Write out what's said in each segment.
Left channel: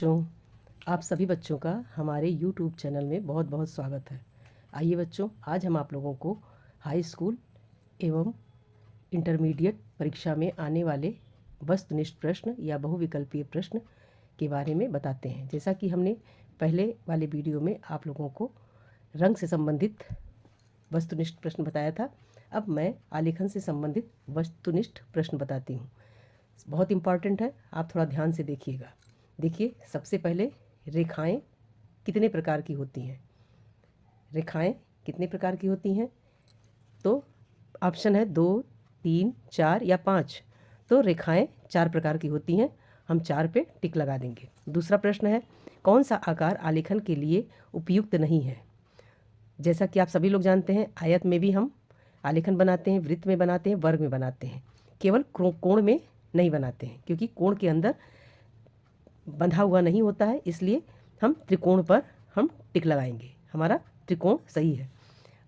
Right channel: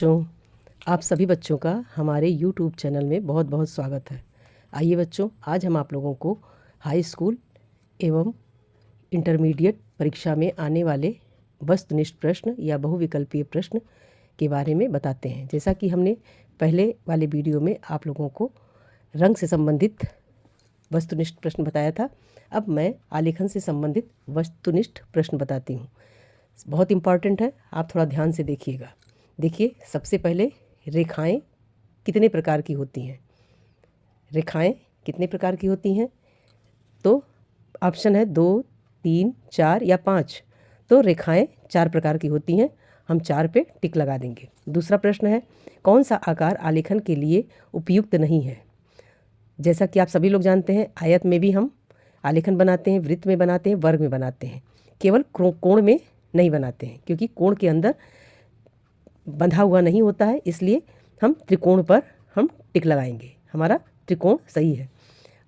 बच्चों, आप सभी बच्चों का हमारे YouTube चैनल में बहुत बहुत स्वागत है। आइए बच्चों, आज हम आप लोगों को हाई स्कूल एवं इंटरमीडिएट परीक्षा में आने वाले वस्तुनिष्ठ प्रश्न या बहुविकल्पीय प्रश्न के बारे में बताते हैं। जैसा कि हमने पहले वाले वीडियो में आप लोगों को रंग से संबंधित वस्तुनिष्ठ प्रश्न बताया था, अब मैं आलेखन से संबंधित वस्तुनिष्ठ प्रश्न बताती हूँ। बहुत इम्पॉर्टेंट है, आप थोड़ा ध्यान से देखिएगा। देखिए, सबसे पहले रेखाएं कितने प्रकार की होती हैं? रेखाएं कितने प्रकार की होती हैं? तो ऑप्शन है 2, 3, 4 या 5। तो रेखाएं 4 प्रकार की होती हैं। हम 4 पे टिक लगा देंगे। दूसरा प्रश्न है, कौन सा आकार आलेखन के लिए उपयुक्त नहीं है? जैसा कि आप सभी लोग जानते हैं, आयत में भी हम आलेखन बनाते हैं, वृत्त में बनाते हैं, वर्ग में बनाते हैं, केवल कोण में नहीं बनाते हैं, क्योंकि कोण के अंदर बंधा हुआ नहीं होता है, इसलिए हम त्रिकोण पर हम टिक लगाएंगे। हमारा त्रिकोण सही है।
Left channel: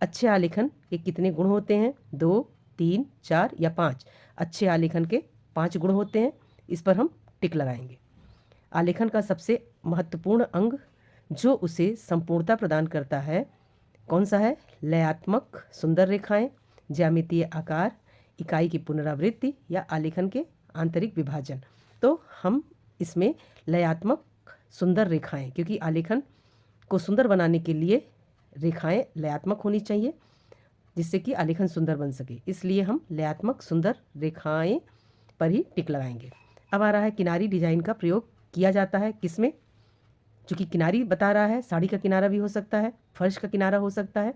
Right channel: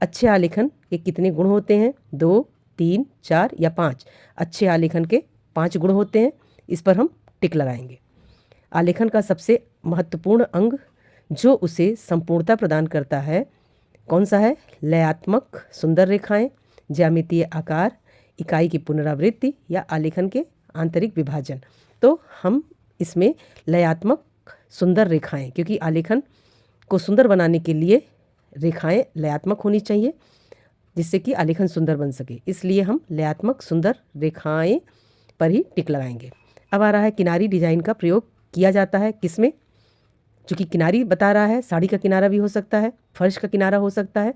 अच्छे आलेखन के कितने गुण होते हैं? 2, 3, 4 या 5। अच्छे आलेखन के 5 गुण होते हैं, इस पर हम टिक लगाएंगे। आलेखन का सबसे महत्वपूर्ण अंग जो उसे संपूर्णता प्रदान करता है, कौन सा है? लयात्मक सुंदर रेखाएं, ज्यामितीय आकार, इकाई की पुनरावृत्ति या आलेखन के आंतरिक विभाजन। तो हम इसमें लयात्मक सुंदर रेखाएं, क्योंकि आलेखन को सुंदर बनाने के लिए रेखाएं लयात्मक होनी चाहिए, जिससे कि आलेखन सुंदर बन सके, इसलिए हम लयात्मक सुंदर रेखाएं पर ही टिक लगाएंगे। अब आ रहा है, किनारी डिजाइन का प्रयोग किया जाता है किसमें? चूँकि किनारी बता रहा है, साड़ी का किनारा भी हो सकता है, फर्श का किनारा हो सकता है।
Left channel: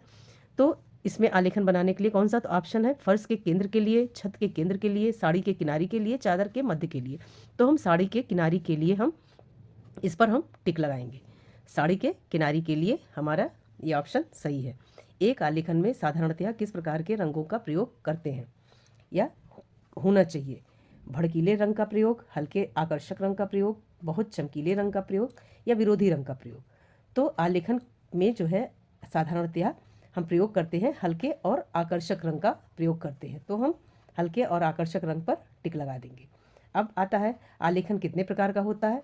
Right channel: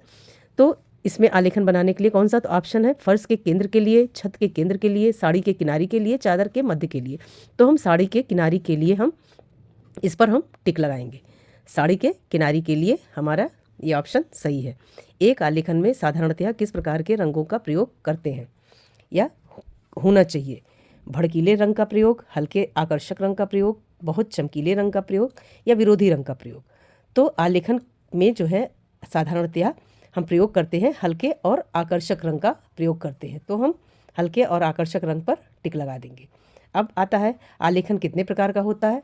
तो इसमें आलेखन बनाने के लिए कौन सा? तो ऑप्शन है फर्श के केंद्र के लिए, छत के केंद्र के लिए, साड़ी के किनारी के लिए, चादर के मध्य के लिए। तो हम साड़ी के किनारी के लिए हम इस पर हम टिक लगाएंगे। साड़ी के किनारी के लिए हमारा ये ऑप्शन सही है। एक आलेखन में साधारणतः किस प्रकार के रंगों का प्रयोग करते हैं या होना चाहिए? भड़कीले रंग का प्रयोग, हल्के आकर्षक रंग का प्रयोग, बहुत चमकीले रंग का प्रयोग या विरोधी रंग का प्रयोग। तो आलेखन में जो है साधारणतः हम प्रयोग करते हैं हल्के और आकर्षक रंग का प्रयोग करते हैं, तो हम हल्के और आकर्षक रंग पर टिक लगा देंगे। अब आता है, आलेखन कितने प्रकार का होता है?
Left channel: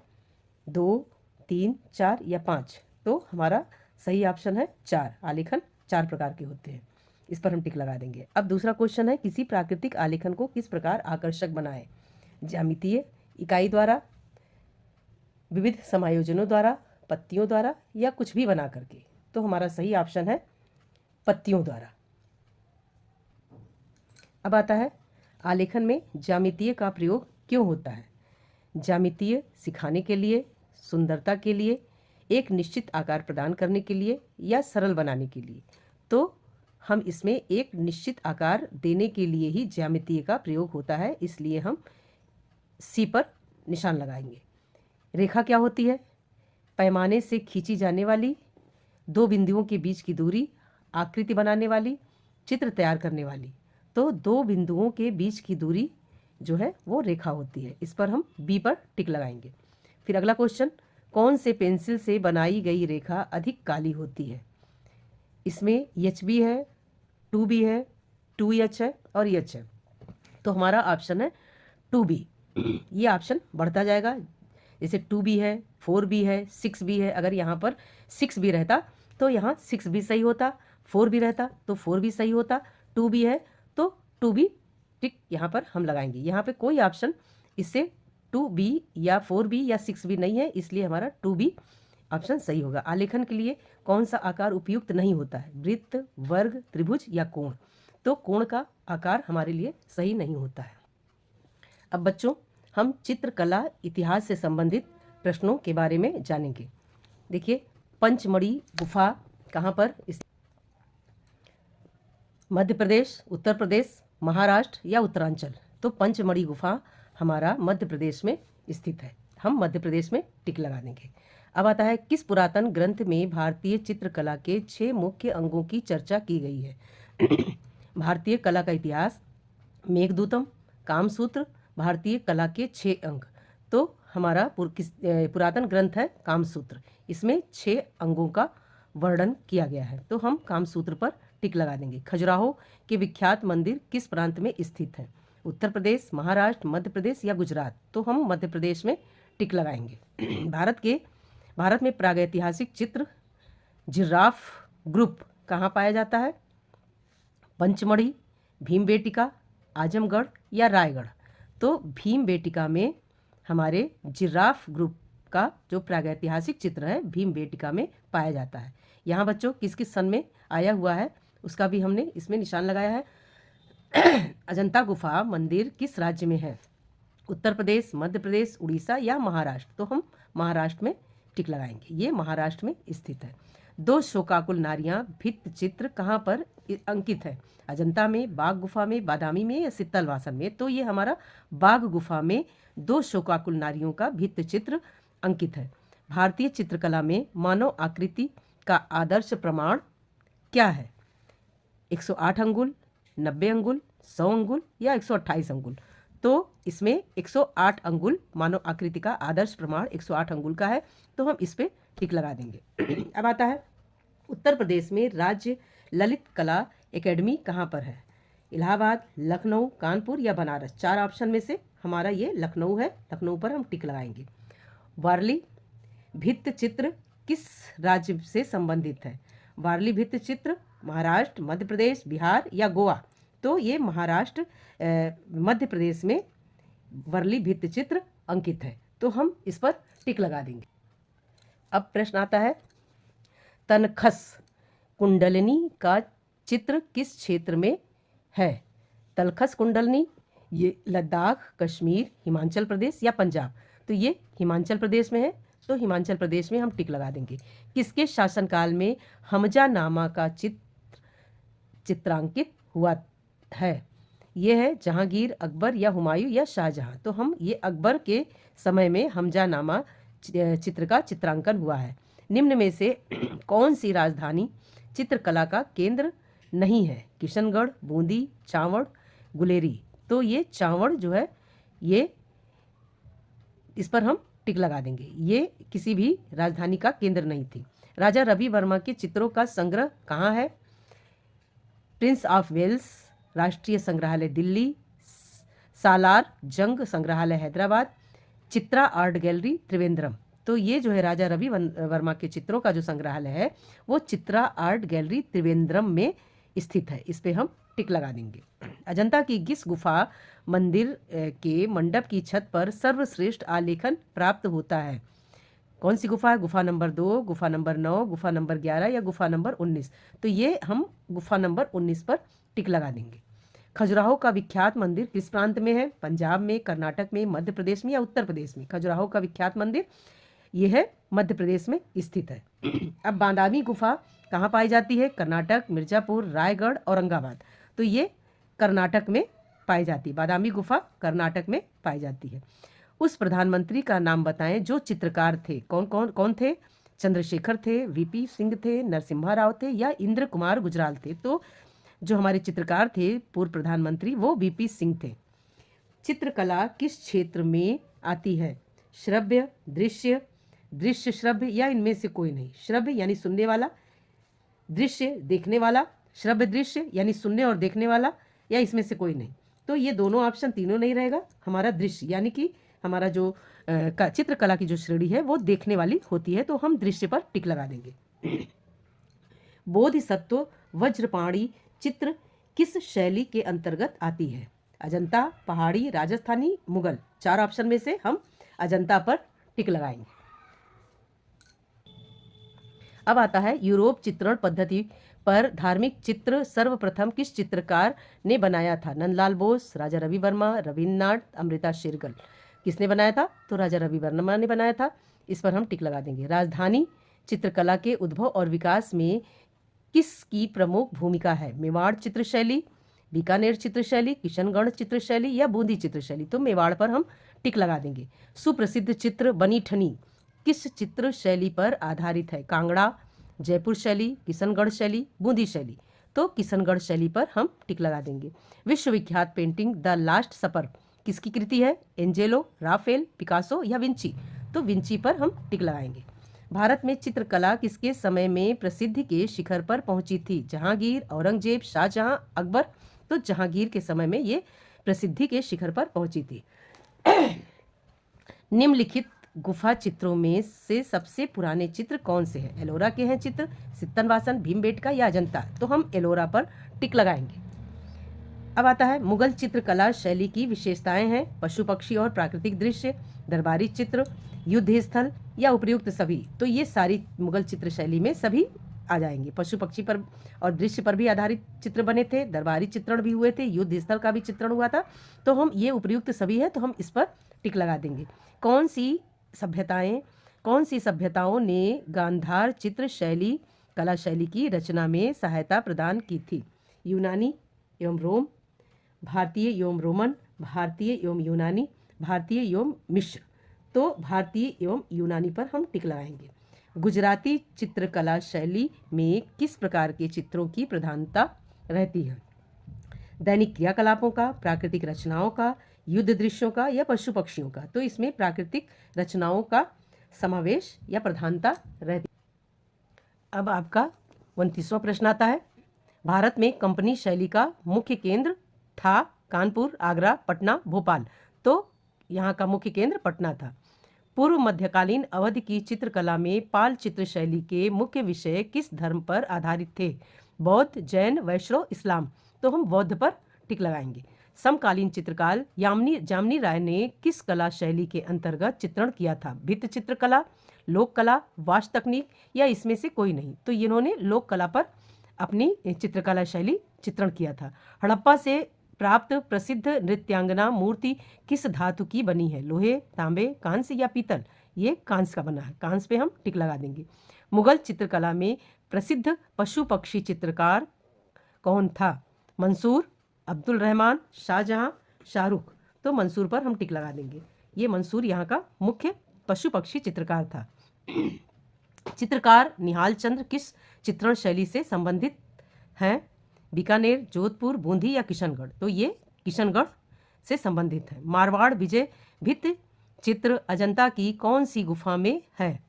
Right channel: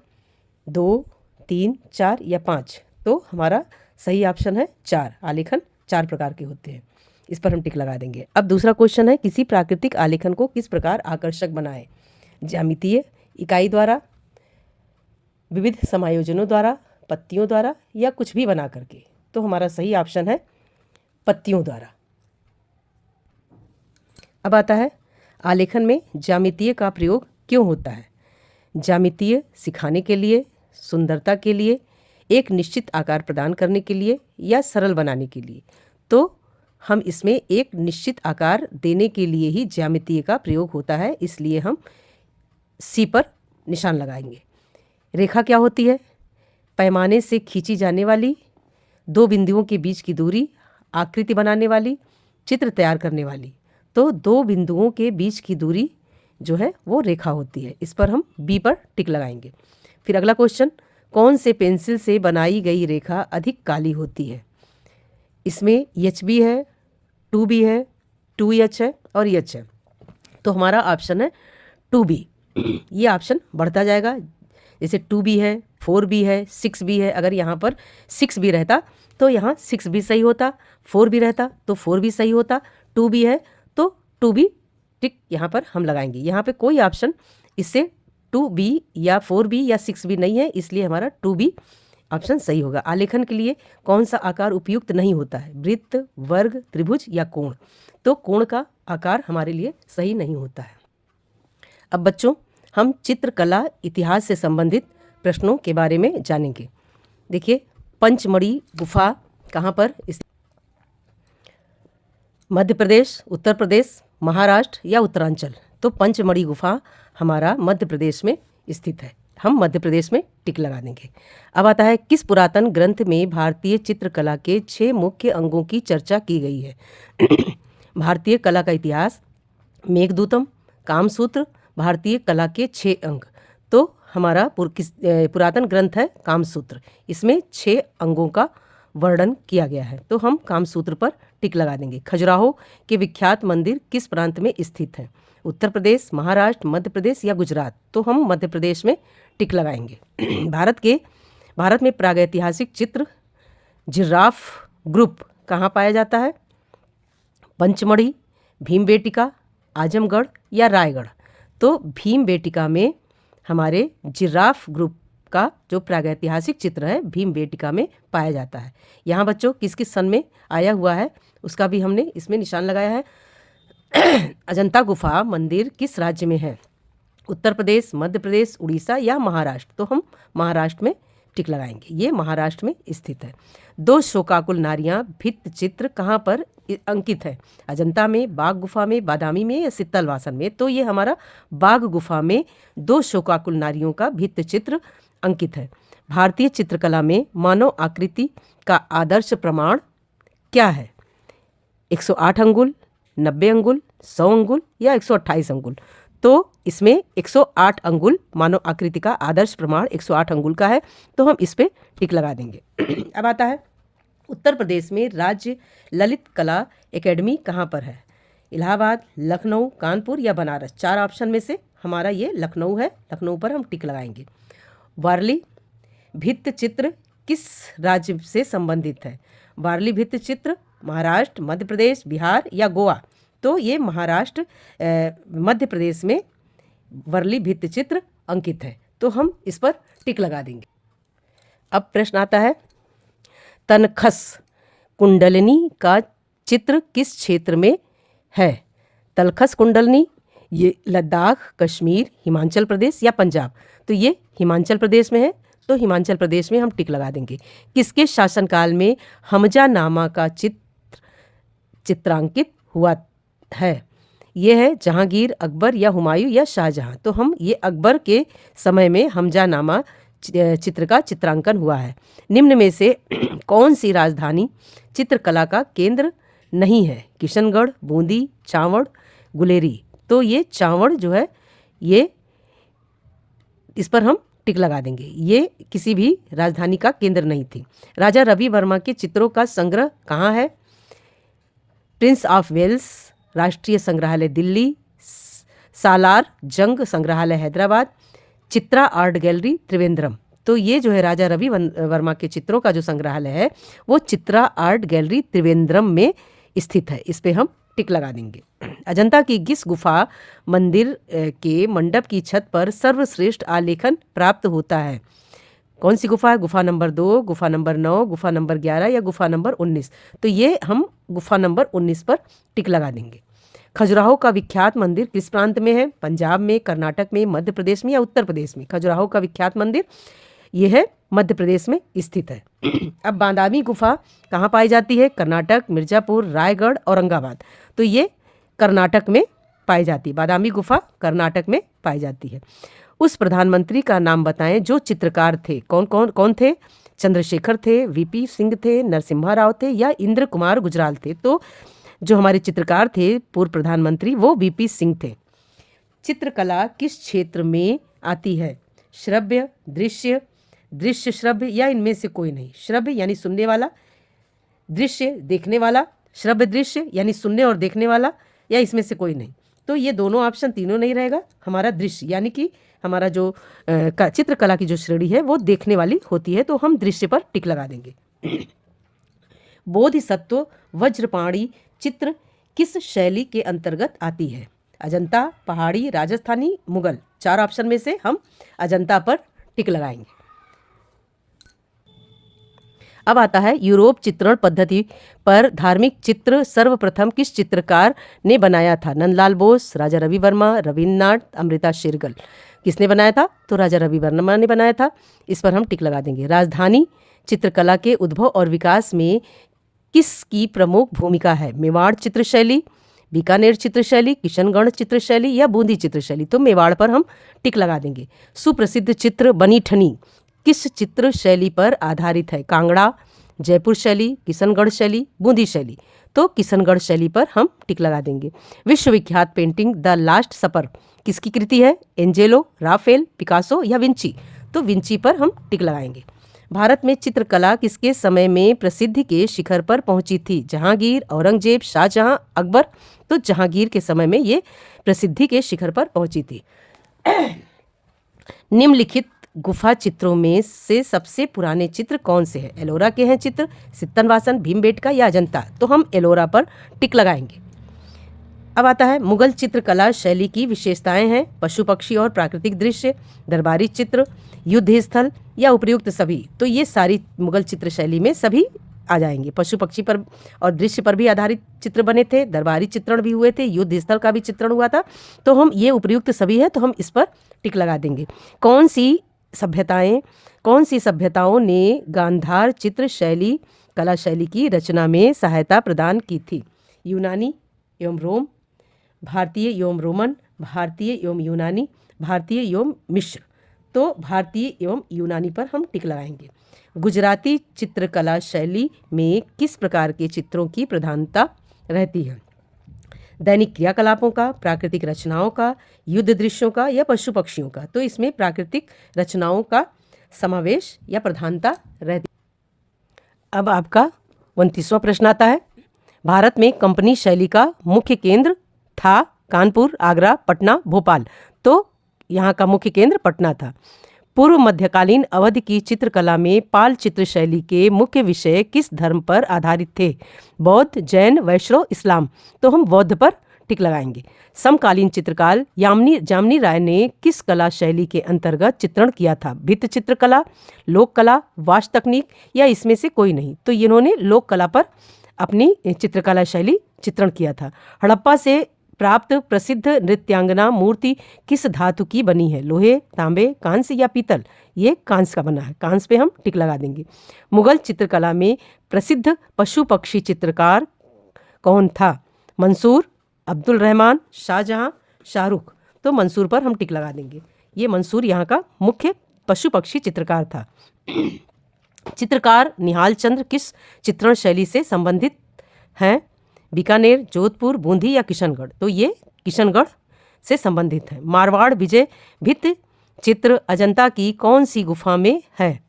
2, 3, 4 या 5। तो हमारा सही ऑप्शन है 4। आलेखन 4 प्रकार के होते हैं, इस पर हम टिक लगा देंगे। अब दूसरा क्वेश्चन है, किसी प्राकृतिक आलेखन को किस प्रकार आकर्षक बनाएं? ज्यामितीय इकाई द्वारा, विविध समायोजनों द्वारा, पत्तियों द्वारा या कुछ भी बना करके। तो हमारा सही ऑप्शन है पत्तियों द्वारा। अब आता है, आलेखन में ज्यामितीय का प्रयोग क्यों होता है? ज्यामितीय सिखाने के लिए, सुंदरता के लिए, एक निश्चित आकार प्रदान करने के लिए या सरल बनाने के लिए। तो हम इसमें एक निश्चित आकार देने के लिए ही ज्यामितीय का प्रयोग होता है, इसलिए हम सी पर निशान लगाएंगे। रेखा क्या होती है? पैमाने से खींची जाने वाली, दो बिंदुओं के बीच की दूरी, आकृति बनाने वाली, चित्र तैयार करने वाली। तो दो बिंदुओं के बीच की दूरी जो है वो रेखा होती है, इस पर हम बी पर टिक लगाएंगे। फिर अगला क्वेश्चन, कौन से पेंसिल से बनाई गई रेखा अधिक काली होती है? इसमें HB है, 2B है, 2H है और H है। तो हमारा ऑप्शन है 2B। ये ऑप्शन बढ़ता जाएगा, जैसे 2B है, 4B है, 6B है। अगर यहाँ पर 6B रहता तो यहाँ 6B सही होता, 4B रहता तो 4B सही होता, 2B है तो 2B टिक यहाँ पर हम लगाएंगे। यहाँ पे कोई ऑप्शन इससे 2B या 4B या 6B नहीं है, इसलिए हमारा 2B ऑप्शन सही होगा। आलेखन के लिए कौन सा आकार उपयुक्त नहीं होता है? वृत्त, वर्ग, त्रिभुज या कोण। तो कोण का आकार हमारे लिए सही नहीं होता है। अब बच्चों, हम चित्रकला इतिहास से संबंधित प्रश्नों के बारे में जानेंगे। देखिए, पंचमढ़ी गुफा कहाँ पर स्थित? मध्य प्रदेश, उत्तर प्रदेश, महाराष्ट्र या उत्तरांचल। तो पंचमढ़ी गुफा हमारा मध्य प्रदेश में स्थित है, हम मध्य प्रदेश में टिक लगा देंगे। अब आता है, किस पुरातन ग्रंथ में भारतीय चित्रकला के 6 मुख्य अंगों की चर्चा की गई है? भारतीय कला का इतिहास, मेघदूतम, कामसूत्र, भारतीय कला के 6 अंग। तो हमारा पुरातन ग्रंथ है कामसूत्र, इसमें 6 अंगों का वर्णन किया गया है, तो हम कामसूत्र पर टिक लगा देंगे। खजुराहो के विख्यात मंदिर किस प्रांत में स्थित है? उत्तर प्रदेश, महाराष्ट्र, मध्य प्रदेश या गुजरात। तो हम मध्य प्रदेश में टिक लगाएंगे। भारत में प्रागैतिहासिक चित्र जिराफ ग्रुप कहाँ पाया जाता है? पंचमढ़ी, भीमबेटिका, आजमगढ़ या रायगढ़? तो भीमबेटिका में हमारे जिराफ ग्रुप का जो प्रागैतिहासिक चित्र है भीमबेटिका में पाया जाता है। यहाँ बच्चों किस किस सन में आया हुआ है उसका भी हमने इसमें निशान लगाया है। अजंता गुफा मंदिर किस राज्य में है? उत्तर प्रदेश, मध्य प्रदेश, उड़ीसा या महाराष्ट्र? तो हम महाराष्ट्र में टिक लगाएंगे, ये महाराष्ट्र में स्थित है। 2 शोकाकुल नारियां भित्त चित्र कहाँ पर अंकित है? अजंता में, बाघ गुफा में, बादामी में या सित्तलवासन में? तो ये हमारा बाघ गुफा में 2 शोकाकुल नारियों का भित्त चित्र अंकित है। भारतीय चित्रकला में मानव आकृति का आदर्श प्रमाण क्या है? 108 अंगुल, 90 अंगुल, 100 अंगुल या 128 अंगुल? तो इसमें 108 अंगुल मानव आकृति का आदर्श प्रमाण 108 अंगुल का है, तो हम इस पे टिक लगा देंगे। अब आता है उत्तर प्रदेश में राज्य ललित कला एकेडमी कहाँ पर है? इलाहाबाद, लखनऊ, कानपुर या बनारस? 4 ऑप्शन में से हमारा ये लखनऊ है, लखनऊ पर हम टिक लगाएंगे। वारली भित्त चित्र किस राज्य से संबंधित है? वारली भित्त चित्र महाराष्ट्र, मध्य प्रदेश, बिहार या गोवा? तो ये महाराष्ट्र मध्य प्रदेश में वर्ली भित्त चित्र अंकित है, तो हम इस पर टिक लगा देंगे। अब प्रश्न आता है तनखस कुंडलिनी का चित्र किस क्षेत्र में है? तलखस कुंडलिनी ये लद्दाख, कश्मीर, हिमाचल प्रदेश या पंजाब? तो ये हिमाचल प्रदेश में है, तो हिमाचल प्रदेश में हम टिक लगा देंगे। किसके शासनकाल में हमजा नामा का चित्रांकित हुआ है? ये है जहांगीर, अकबर या हुमायूं या शाहजहां? तो हम ये अकबर के समय में हमजानामा चित्र का चित्रांकन हुआ है। निम्न में से कौन सी राजधानी चित्रकला का केंद्र नहीं है? किशनगढ़, बूंदी, चावड़, गुलेरी? तो ये चावड़ जो है ये इस पर हम टिक लगा देंगे, ये किसी भी राजधानी का केंद्र नहीं थी। राजा रवि वर्मा के चित्रों का संग्रह कहाँ है? प्रिंस ऑफ वेल्स राष्ट्रीय संग्रहालय दिल्ली, सालार जंग संग्रहालय हैदराबाद, चित्रा आर्ट गैलरी त्रिवेंद्रम? तो ये जो है राजा रवि वर्मा के चित्रों का जो संग्रहालय है वो चित्रा आर्ट गैलरी त्रिवेंद्रम में स्थित है, इस पे हम टिक लगा देंगे। अजंता की किस गुफा मंदिर के मंडप की छत पर सर्वश्रेष्ठ आलेखन प्राप्त होता है? कौन सी गुफा है? गुफा नंबर 2, गुफा नंबर 9, गुफा नंबर 11 या गुफा नंबर 19? तो ये हम गुफा नंबर 19 पर टिक लगा देंगे। खजुराहो का विख्यात मंदिर किस प्रांत में है? पंजाब में, कर्नाटक में, मध्य प्रदेश में या उत्तर प्रदेश में? खजुराहो का विख्यात मंदिर ये है मध्य प्रदेश में स्थित है। अब बादामी गुफा कहाँ पाई जाती है? कर्नाटक, मिर्जापुर, रायगढ़, औरंगाबाद? तो ये कर्नाटक में पाई जाती है, बादामी गुफा कर्नाटक में पाई जाती है। उस प्रधानमंत्री का नाम बताएं जो चित्रकार थे। कौन थे? चंद्रशेखर थे, वीपी सिंह थे, नरसिम्हा राव थे या इंद्र कुमार गुजराल थे? तो जो हमारे चित्रकार थे पूर्व प्रधानमंत्री वो वीपी सिंह थे। चित्रकला किस क्षेत्र में आती है? श्रव्य, दृश्य, दृश्य श्रव्य या इनमें से कोई नहीं? श्रव्य यानी सुनने वाला, दृश्य देखने वाला, श्रव्य दृश्य यानी सुनने और देखने वाला, या इसमें से कोई नहीं? तो ये दोनों ऑप्शन तीनों नहीं रहेगा। हमारा दृश्य यानी कि हमारा जो चित्रकला की जो श्रेणी है वो देखने वाली होती है, तो हम दृश्य पर टिक लगा देंगे। बोधिसत्व वज्रपाणी चित्र किस शैली के अंतर्गत आती है? अजंता, पहाड़ी, राजस्थानी, मुगल? 4 ऑप्शन में से हम अजंता पर टिक लगाएंगे। अब आता है यूरोप चित्रण पद्धति पर धार्मिक चित्र सर्वप्रथम किस चित्रकार ने बनाया था? नंदलाल बोस, राजा रवि वर्मा, रविन्द्रनाथ, अमृता शेरगिल? किसने बनाया था? तो राजा रवि वर्मा ने बनाया था, इस पर हम टिक लगा देंगे। राजधानी चित्रकला के उद्भव और विकास में किसकी प्रमुख भूमिका है? मेवाड़ चित्रशैली, बीकानेर चित्रशैली, किशनगढ़ चित्रशैली या बूंदी चित्रशैली? तो मेवाड़ पर हम टिक लगा देंगे। सुप्रसिद्ध चित्र बनी ठनी किस चित्र शैली पर आधारित है? कांगड़ा, जयपुर शैली, किशनगढ़ शैली, बूंदी शैली? तो किशनगढ़ शैली पर हम टिक लगा देंगे। विश्वविख्यात पेंटिंग द लास्ट सपर किसकी कृति है? एंजेलो, राफेल, पिकासो या विंची? तो विंची पर हम टिक लगाएंगे। भारत में चित्रकला किसके समय में प्रसिद्धि के शिखर पर पहुंची थी? जहांगीर, औरंगजेब, शाहजहां, अकबर? तो जहांगीर के समय में ये प्रसिद्धि के शिखर पर पहुंची थी। निम्नलिखित गुफा चित्रों में से सबसे पुराने चित्र कौन से हैं? एलोरा के हैं चित्र, सित्तनवासन, भीमबेटका या अजंता? तो हम एलोरा पर टिक लगाएंगे। अब आता है मुगल चित्रकला शैली की विशेषताएं हैं पशु पक्षी और प्राकृतिक दृश्य, दरबारी चित्र, युद्ध स्थल या उपयुक्त सभी। तो ये सारी मुगल चित्र शैली में सभी आ जाएंगे। पशु पक्षी पर और दृश्य पर भी आधारित चित्र बने थे, दरबारी चित्रण भी हुए थे, युद्ध स्थल का भी चित्रण हुआ था। तो हम ये उपयुक्त सभी है, तो हम इस पर टिक लगा देंगे। कौन सी सभ्यताओं ने गांधार चित्र शैली कला शैली की रचना में सहायता प्रदान की थी? यूनानी एवं रोम, भारतीय एवं रोमन, भारतीय एवं यूनानी, भारतीय एवं मिश्र। तो भारतीय एवं यूनानी पर हम टिक लगाएंगे। गुजराती चित्रकला शैली में किस प्रकार के चित्रों की प्रधानता रहती है? दैनिक क्रियाकलापों का, प्राकृतिक रचनाओं का, युद्ध दृश्यों का या पशु पक्षियों का? तो इसमें प्राकृतिक रचनाओं का समावेश या प्रधानता रहती। अब आपका 29वां प्रश्न आता है। भारत में कंपनी शैली का मुख्य केंद्र था कानपुर, आगरा, पटना, भोपाल। तो यहाँ का मुख्य केंद्र पटना था। पूर्व मध्यकालीन अवधि की चित्रकला में पाल चित्र शैली के मुख्य विषय किस धर्म पर आधारित थे? बौद्ध, जैन, वैष्णव, इस्लाम। तो हम बौद्ध पर टिक लगाएंगे। समकालीन चित्रकार जामनी राय ने किस कला शैली के अंतर्गत चित्रण किया था? भित्त चित्रकला, लोक कला, वास्तु तकनीक या इसमें से कोई नहीं? तो इन्होंने लोक कला पर अपनी चित्रकला शैली चित्रण किया था। हड़प्पा से प्राप्त प्रसिद्ध नृत्यांगना मूर्ति किस धातु की बनी है? लोहे, तांबे, कांस्य या पीतल? ये कांस्य का बना है, कांस्य पे हम टिक लगा देंगे। मुगल चित्रकला में प्रसिद्ध पशु पक्षी चित्रकार कौन था? मंसूर, अब्दुल रहमान, शाहजहां, शाहरुख। तो मंसूर पर हम टिक लगा देंगे। ये मंसूर यहाँ का मुख्य पशु पक्षी चित्रकार था। चित्रकार निहाल चंद्र किस चित्रण शैली से संबंधित हैं? बीकानेर, जोधपुर, बूंदी या किशनगढ़? तो ये किशनगढ़ से संबंधित है। मारवाड़ विजय भित्त चित्र अजंता की कौन सी गुफा में है?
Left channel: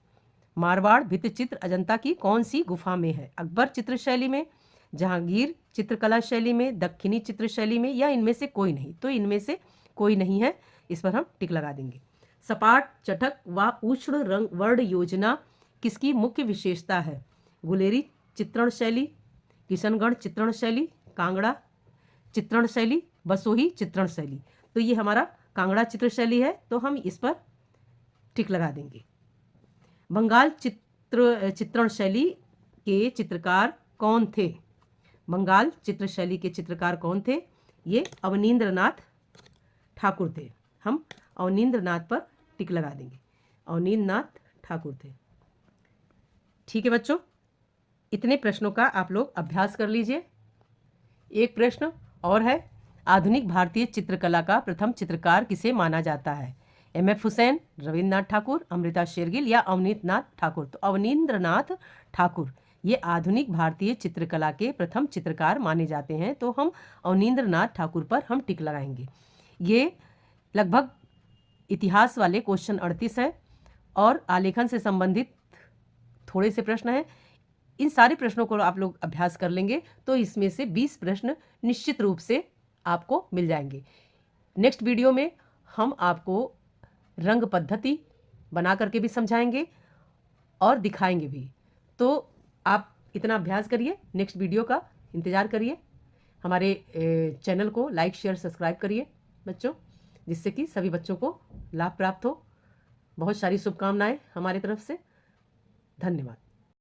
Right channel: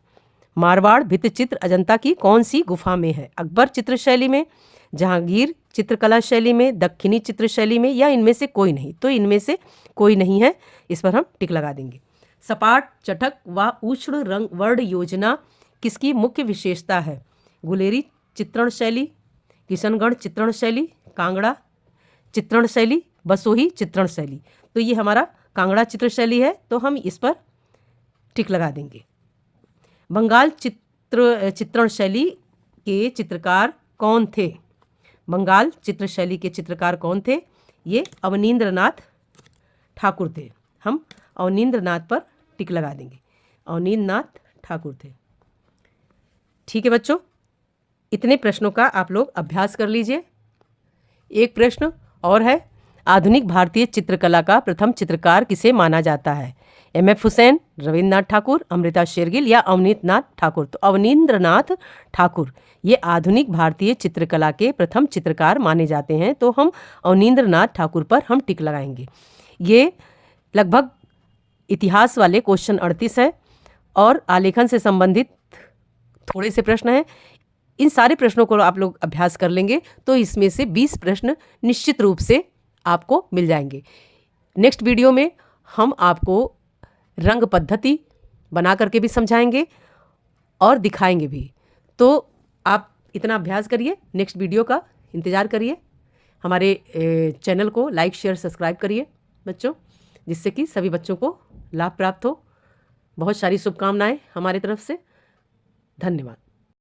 मारवाड़ भित्त चित्र अजंता की कौन सी गुफा में है? अकबर चित्र शैली में, जहांगीर चित्रकला शैली में, दक्षिणी चित्र शैली में या इनमें से कोई नहीं? तो इनमें से कोई नहीं है, इस पर हम टिक लगा देंगे। सपाट, चटक व उष्ण रंग वर्ण योजना किसकी मुख्य विशेषता है? गुलेरी चित्रण शैली, किशनगढ़ चित्रण शैली, कांगड़ा चित्रण शैली, बसोही चित्रण शैली। तो ये हमारा कांगड़ा चित्र शैली है, तो हम इस पर टिक लगा देंगे। बंगाल चित्रण शैली के चित्रकार कौन थे? बंगाल चित्र शैली के चित्रकार कौन थे? ये अवनींद्रनाथ ठाकुर थे। हम अवनींद्रनाथ पर टिक लगा देंगे। अवनींद्रनाथ ठाकुर थे। ठीक है बच्चों, इतने प्रश्नों का आप लोग अभ्यास कर लीजिए। एक प्रश्न और है, आधुनिक भारतीय चित्रकला का प्रथम चित्रकार किसे माना जाता है? M.F. हुसैन, रविन्द्रनाथ ठाकुर, अमृता शेरगिल या अवनींद्रनाथ ठाकुर? तो अवनींद्रनाथ ठाकुर ये आधुनिक भारतीय चित्रकला के प्रथम चित्रकार माने जाते हैं। तो हम अवनींद्रनाथ ठाकुर पर हम टिक लगाएंगे। ये लगभग इतिहास वाले क्वेश्चन 38 है और आलेखन से संबंधित थोड़े से प्रश्न हैं। इन सारे प्रश्नों को आप लोग अभ्यास कर लेंगे तो इसमें से 20 प्रश्न निश्चित रूप से आपको मिल जाएंगे। नेक्स्ट वीडियो में हम आपको रंग पद्धति बना करके भी समझाएंगे और दिखाएंगे भी। तो आप इतना अभ्यास करिए, नेक्स्ट वीडियो का इंतज़ार करिए। हमारे चैनल को लाइक, शेयर, सब्सक्राइब करिए बच्चों, जिससे कि सभी बच्चों को लाभ प्राप्त हो। बहुत सारी शुभकामनाएं हमारी तरफ से। धन्यवाद।